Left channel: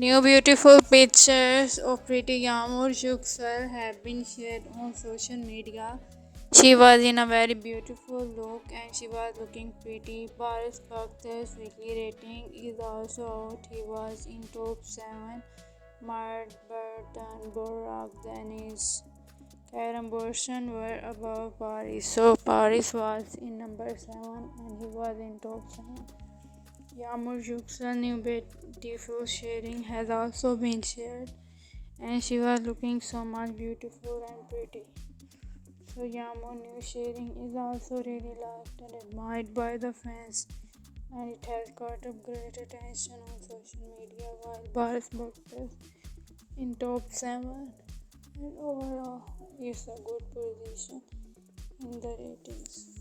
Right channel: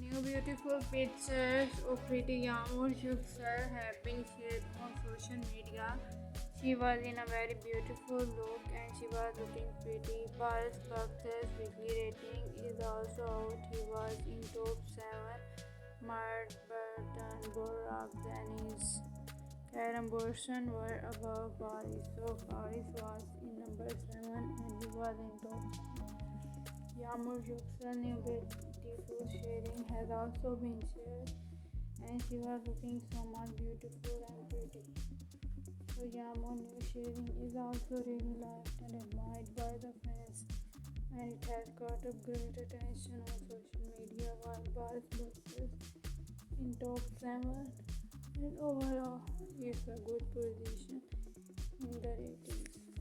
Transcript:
New beautiful pictures of pretty Yagmur Yuksel have been shared on social media. She was in a very beautiful look and she was looking pretty. Baris baktas weekly rating is also out. He was in top 7. Mart Burton, Borak, Danish, Karen Borson were above Paris. So Paris was in number 7 and he was in top 7. Yagmur Yuksel new beautiful sharing has also been shared and she was looking so much beautiful and pretty. So Yagmur new sharing is also really loved and admired by the fans and it has got a great attention on social media while Baris baktas in top 7 and overall it's a good position in the ratings.